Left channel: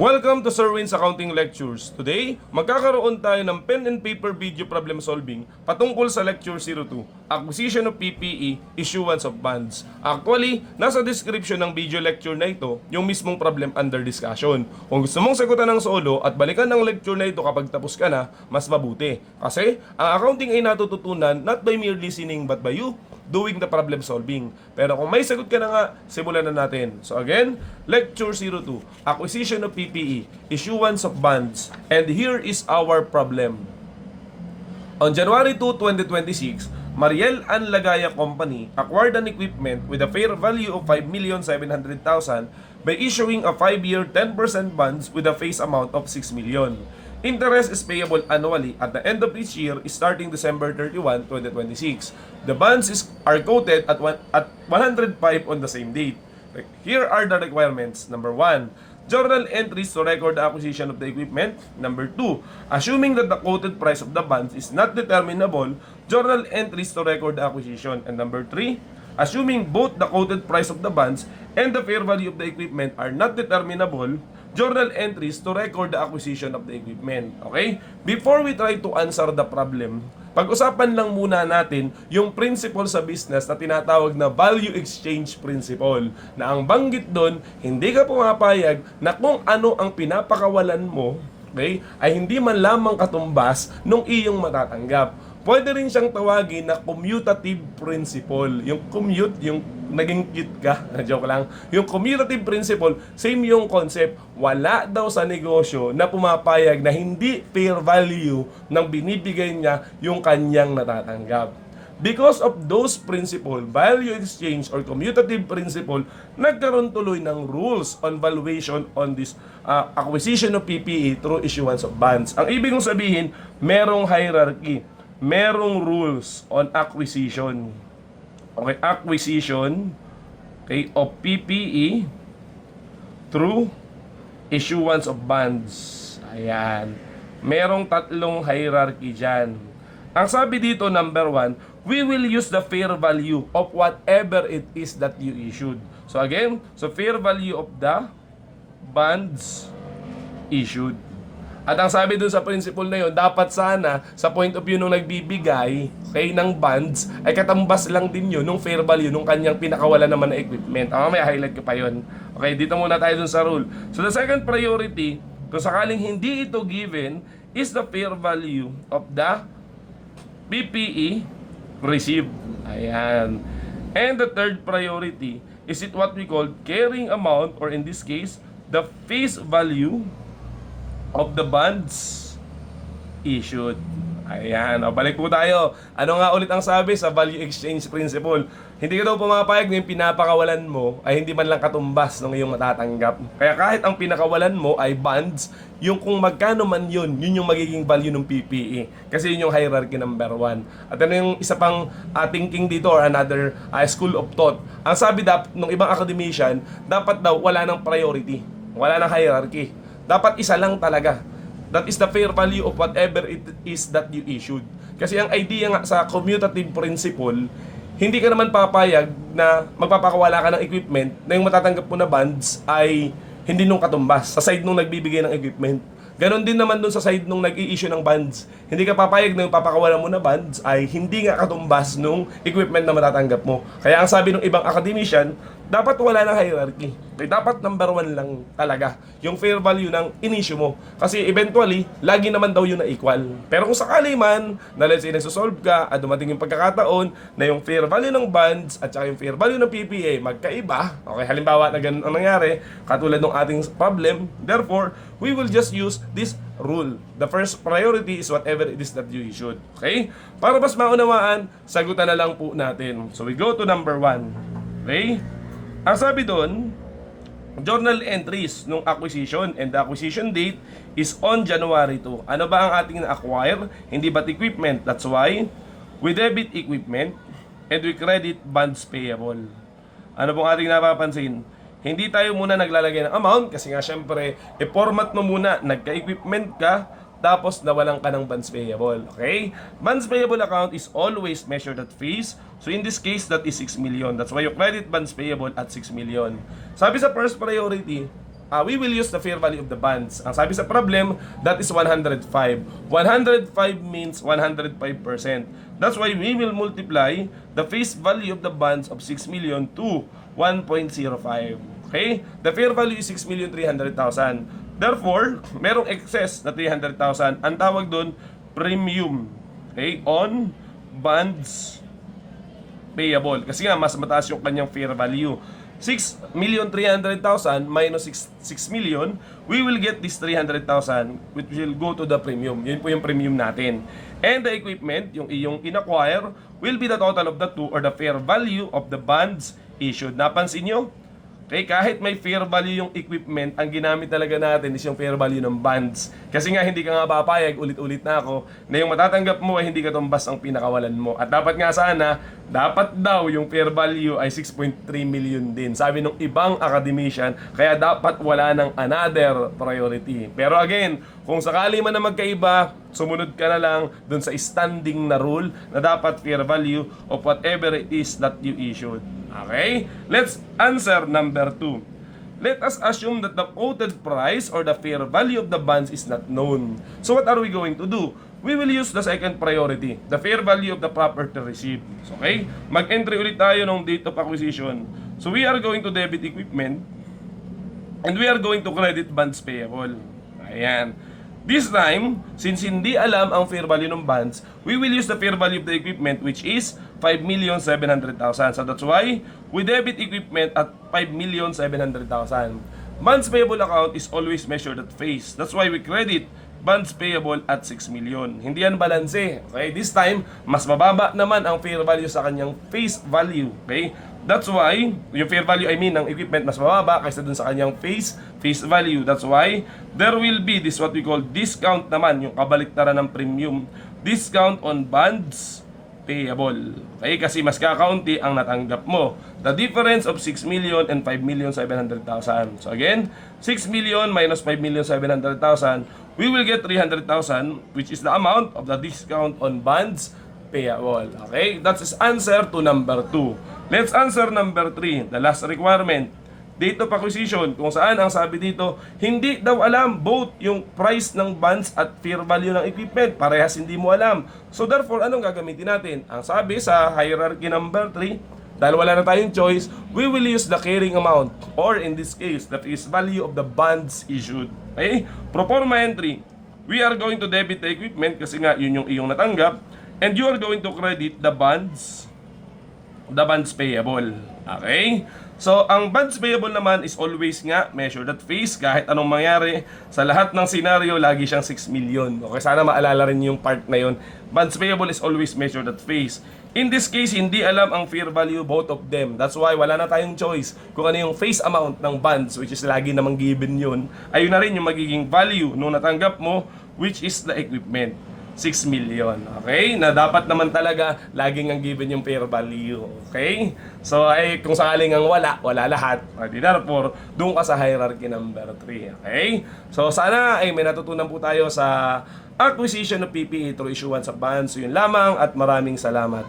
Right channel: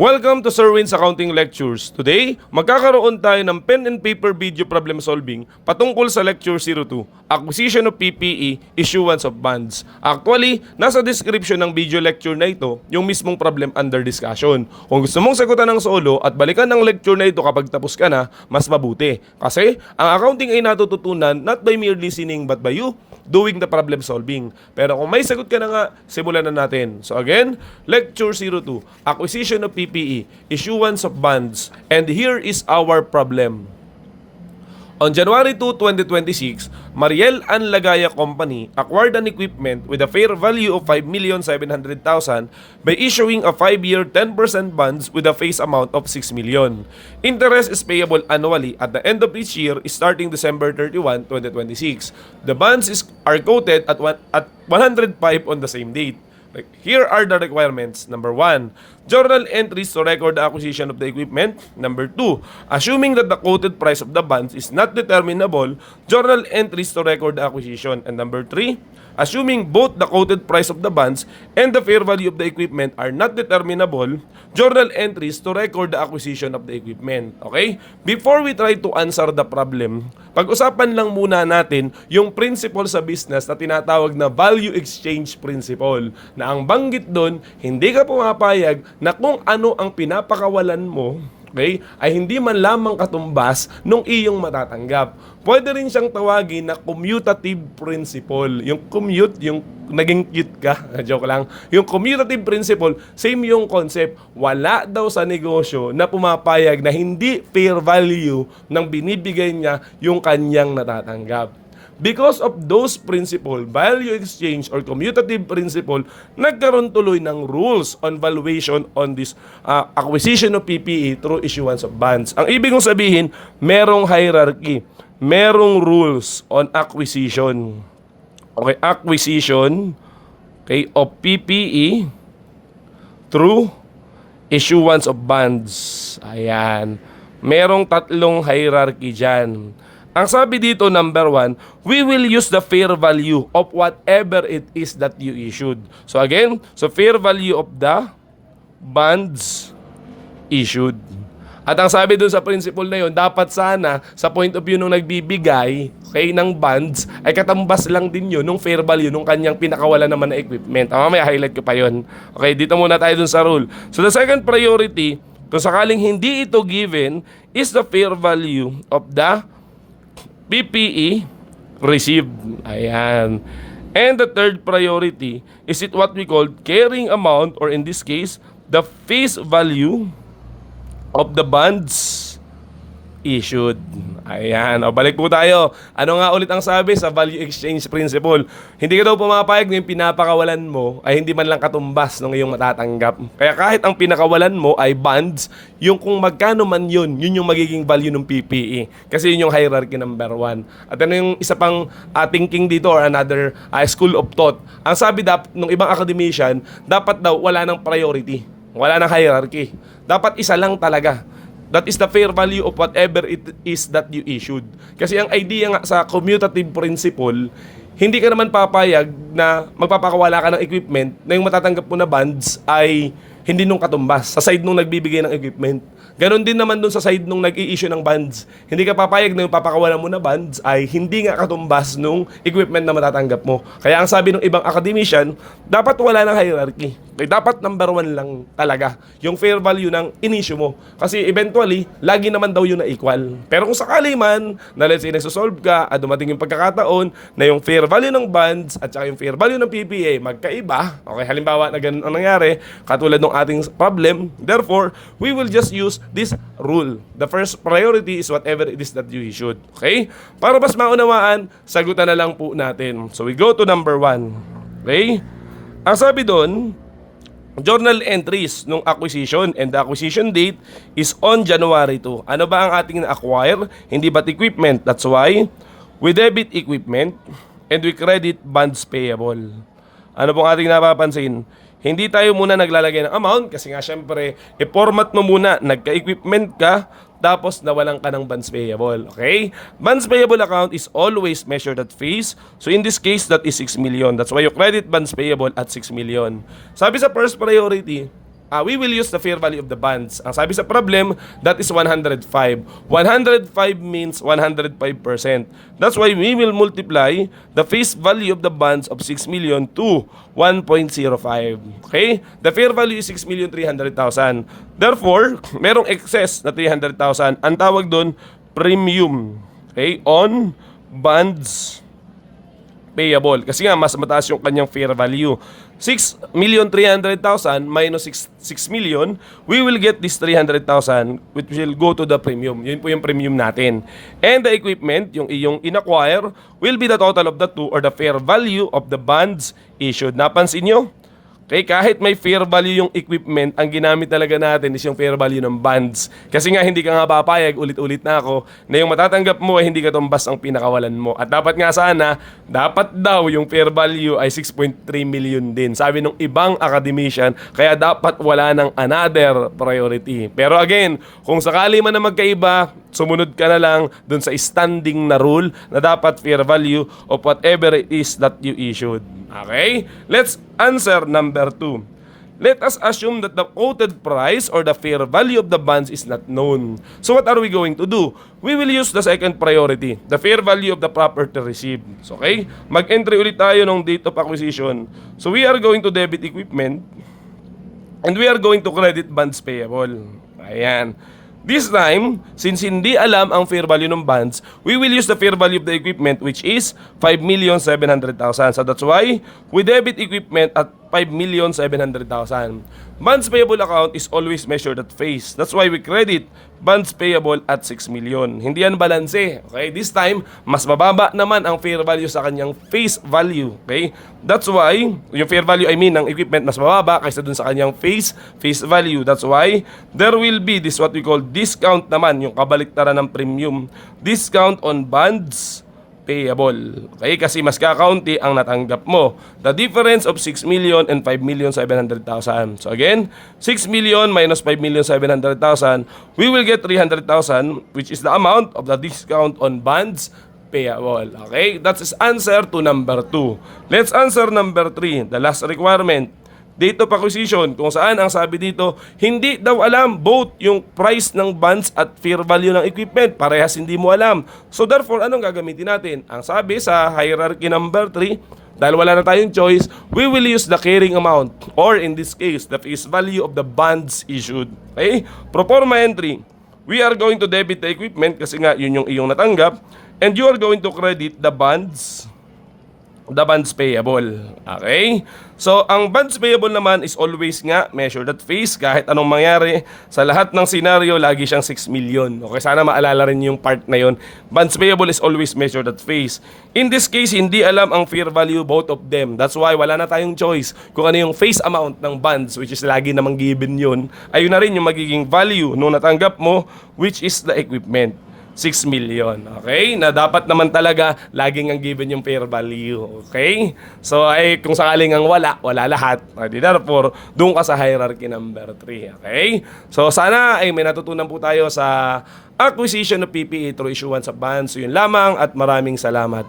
Welcome to Sir Win's Accounting Lectures. Today, magkakaroon tayo ng pen and paper video problem solving patungkol sa Lecture 02, Acquisition of PPE, Issuance of Bonds. Actually, nasa description ng video lecture na ito yung mismong problem under discussion. Kung gusto mong sagutan ng solo at balikan ng lecture na ito kapag tapos ka na, mas mabuti. Kasi, ang accounting ay natututunan not by mere listening but by you doing the problem solving. Pero kung may sagot ka na nga, simulan na natin. So again, Lecture 02, Acquisition of PPE, Issuance of Bonds, and here is our problem. On January 2, 2026, Mariel and Lagaya Company acquired an equipment with a fair value of 5,700,000 by issuing a 5-year 10% bonds with a face amount of 6 million. Interest is payable annually at the end of each year starting December 31, 2026. The bonds are quoted at 105 on the same date. Here are the requirements. Number 1, journal entries to record the acquisition of the equipment. Number 2, assuming that the quoted price of the bonds is not determinable, journal entries to record the acquisition. And number 3, assuming both the quoted price of the bonds and the fair value of the equipment are not determinable, journal entries to record the acquisition of the equipment. Okay? Before we try to answer the problem, pag-usapan lang muna natin yung principle sa business na tinatawag na value exchange principle. Na ang banggit doon, hindi ka pumapayag na kung ano ang pinapakawalan mo, okay, ay hindi man lamang katumbas nung iyong matatanggap. Pwede rin siyang tawagin na commutative principle. Yung commute, yung naging cute ka, joke lang. Yung commutative principle, same yung concept. Wala daw sa negosyo na pumapayag na hindi fair value ng binibigay niya yung kanyang natatanggap. Because of those principle, value exchange or commutative principle, nagkaroon tuloy ng rules on valuation on this acquisition of PPE through issuance of bonds. Ang ibig kong sabihin, merong hierarchy. Merong rules on acquisition. Okay, acquisition, okay, of PPE through issuance of bonds. Ayan. Merong tatlong hierarchy dyan. Ang sabi dito, number 1, we will use the fair value of whatever it is that you issued. So again, so fair value of the bonds issued. At ang sabi dun sa principle na yun, dapat sana sa point of view nung nagbibigay ng bonds ay katambas lang din yun nung fair value nung kanyang pinakawalan naman na equipment. May highlight ko pa yun. Okay, dito muna tayo dun sa rule. So the second priority, kung sakaling hindi ito given, is the fair value of the PPE received. Ayan. And the third priority is it what we call carrying amount, or in this case, the face value of the bonds issued. Ayan. O, balik po tayo. Ano nga ulit ang sabi sa value exchange principle? Hindi ka daw pumapayag na yung pinapakawalan mo ay hindi man lang katumbas ng iyong matatanggap. Kaya kahit ang pinakawalan mo ay bonds, yung kung magkano man yun yung magiging value ng PPE. Kasi yun yung hierarchy number 1. At ano yung isa pang thinking dito or another school of thought. Ang sabi ng ibang academician, dapat daw wala ng priority. Wala ng hierarchy. Dapat isa lang talaga. That is the fair value of whatever it is that you issued. Kasi ang idea nga sa commutative principle, hindi ka naman papayag na magpapakawala ka ng equipment na yung matatanggap mo na bonds ay hindi nung katumbas sa side nung nagbibigay ng equipment. Ganon din naman dun sa side nung nag-i-issue ng bonds. Hindi ka papayag na yung papakawalan mo na bonds ay hindi nga katumbas nung equipment na matatanggap mo. Kaya ang sabi ng ibang academician, dapat wala ng hierarchy. Okay, dapat number 1 lang talaga yung fair value ng in-issue mo. Kasi eventually, lagi naman daw yun na equal. Pero kung sakali man, na let's say nagsosolve ka at dumating yung pagkakataon na yung fair value ng bonds at saka yung fair value ng PPA magkaiba, okay, halimbawa na ganun ang nangyari, katulad ng ating problem, therefore, we will just use this rule. The first priority is whatever it is that you issued. Okay? Para mas maunawaan, sagutan na lang po natin. So we go to number 1. Okay? Ang sabi doon, journal entries nung acquisition, and the acquisition date is on January 2. Ano ba ang ating na-acquire? Hindi ba't equipment? That's why we debit equipment and we credit bonds payable. Ano pong ating napapansin? Hindi tayo muna naglalagay ng amount kasi nga syempre, i-format mo muna, nagka-equipment ka, tapos nawalan ka ng bonds payable. Okay? Bonds payable account is always measured at face. So in this case, that is 6 million. That's why you credit bonds payable at 6 million. Sabi sa first priority, we will use the fair value of the bonds. Ang sabi sa problem, that is 105. 105 means 105%. That's why we will multiply the face value of the bonds of 6 million to 1.05. Okay? The fair value is 6,300,000. Therefore, merong excess na 300,000. Ang tawag doon, premium. Okay? On bonds payable. Kasi nga, mas mataas yung kanyang fair value. 6,300,000 minus 6 million, we will get this 300,000 which will go to the premium. Yun po yung premium natin. And the equipment, yung iyong in-acquire, will be the total of the two or the fair value of the bonds issued. Napansin nyo? Okay, kahit may fair value yung equipment, ang ginamit talaga natin is yung fair value ng bonds. Kasi nga hindi ka nga papayag, ulit-ulit na ako, na yung matatanggap mo ay hindi katumbas ang pinakawalan mo. At dapat nga sana, dapat daw yung fair value ay 6.3 million din. Sabi ng ibang academician, kaya dapat wala ng another priority. Pero again, kung sakali man na magkaiba, sumunod ka na lang dun sa standing na rule na dapat fair value of whatever it is that you issued. Okay? Let's answer number 2. Let us assume that the quoted price or the fair value of the bonds is not known. So what are we going to do? We will use the second priority, the fair value of the property received. So, okay? Mag-entry ulit tayo ng date of acquisition. So we are going to debit equipment and we are going to credit bonds payable. Ayan. This time, since hindi alam ang fair value ng bonds, we will use the fair value of the equipment which is 5,700,000. So that's why we debit equipment at 5,700,000. Bonds payable account is always measured at face. That's why we credit bonds payable at 6 million. Hindi yan balanse. Okay? This time, mas mababa naman ang fair value sa kanyang face value. Okay? That's why, yung fair value, ng equipment mas mababa kaysa dun sa kanyang face value. That's why, there will be this what we call discount naman, yung kabaliktaran ng premium. Discount on bonds payable. Okay? Kasi mas kakaunti ang natanggap mo. The difference of 6 million and 5,700,000. So again, 6 million minus 5,700,000, we will get 300,000 which is the amount of the discount on bonds payable. Okay? That's answer to number 2. Let's answer number 3, the last requirement. Date of acquisition, kung saan ang sabi dito, hindi daw alam both yung price ng bonds at fair value ng equipment. Parehas hindi mo alam. So therefore, anong gagamitin natin? Ang sabi sa hierarchy number 3, dahil wala na tayong choice, we will use the carrying amount or in this case, the face value of the bonds issued. Okay? Pro forma entry, we are going to debit the equipment kasi nga yun yung iyong natanggap and you are going to credit the bonds payable. Okay? So, ang bonds payable naman is always nga measured at face. Kahit anong mangyari, sa lahat ng scenario, lagi siyang 6 million. Okay, sana maalala rin yung part na yun. Bonds payable is always measured at face. In this case, hindi alam ang fair value both of them. That's why wala na tayong choice kung ano yung face amount ng bonds, which is lagi namang given yun. Ayun na rin yung magiging value nung natanggap mo, which is the equipment. 6 million. Okay? Na dapat naman talaga laging ang given yung fair value. Okay? So, kung sakaling ang wala lahat. Therefore, doon ka sa hierarchy number 3. Okay? So, sana ay may natutunan po tayo sa acquisition of PPE through issuance of bonds. So, yun lamang at maraming salamat.